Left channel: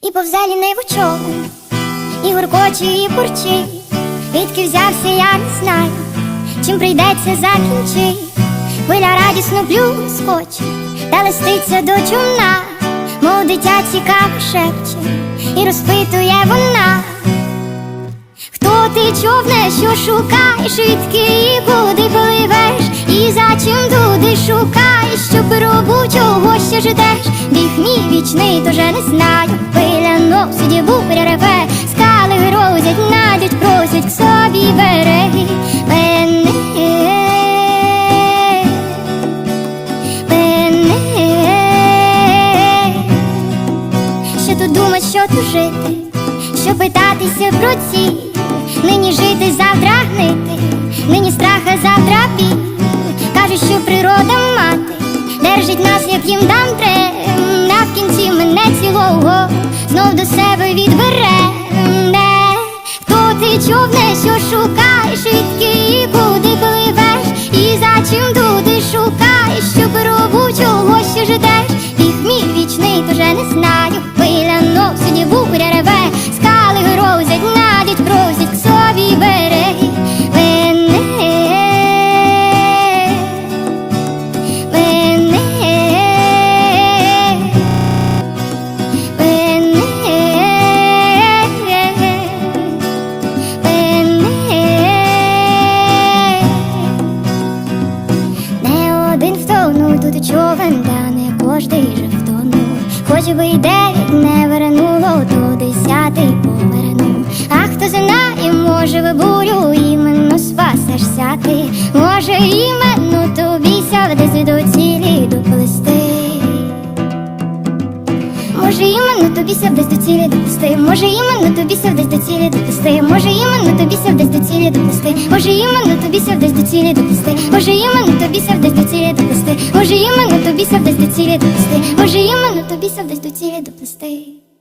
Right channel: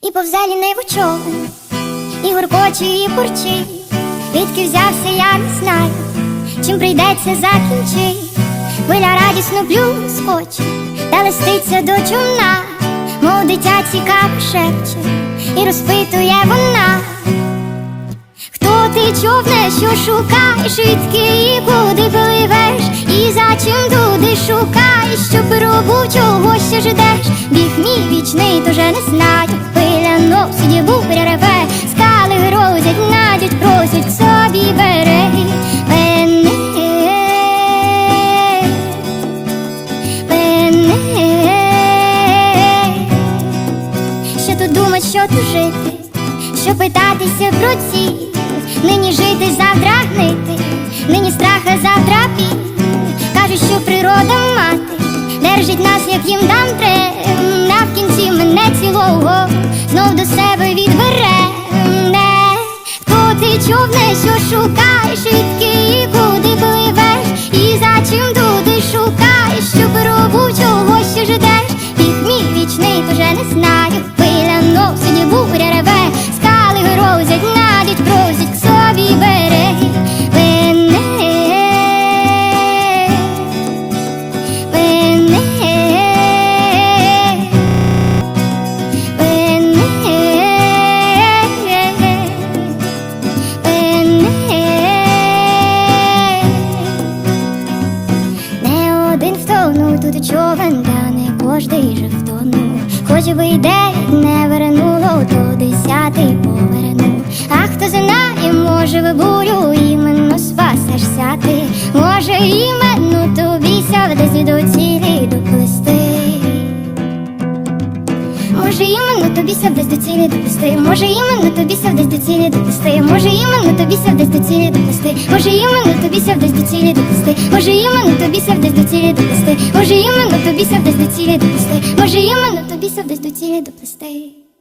І повзалі не човен, і гуркочі, і бурчить. Відки взявся, я не знаю, чим прийдеться закінчи, Хвиля радісно плюскоче, та листиться до чумна, мов дитя цікаво шепче, і розпитує вона. Ти човне, що шукаєш, відки і куди пливеш, і за чим туди шукаєш, щоб робу чого ще ждеш? Біг мій вічний, тоже не знаю. Пиля носить, буря реве, скали грозять, надять, просять к собі береги мене. Мене. Що тут думать, що тут жити, що питатися про ці, нині жити, завтра гнити, нині страх, а завтра біль. Кажуть, що природа мати держить нас, як їм дам трем, на в кінці мене цілого знов до себе відбере. Не. Хто ти човне, що шукаєш, відки і куди пливеш, і за чим туди шукаєш, щоб робу чого ще ждеш? Біг мій вічний, тоже не знаю. Хвиля носить, буря реве, один втонув тут човен, та не кожний же втонув. Хоч би й дев'ять не вернуло, то десятий повернув. А хто знає, може ви бурю іменно спасешся ти, може іменно тобі ся десь до цілі доплести. Може іменно тобі сяв десь до цілі доплести, може іменно тобі сяв десь до цілі доплести, може іменно тобі сяв десь до цілі доплести, може іменно тобі сяв десь до цілі доплести, може іменно тобі сяв десь до цілі доплести, може іменно тобі сяв десь до цілі доплести, може іменно тобі сяв десь до цілі доплести.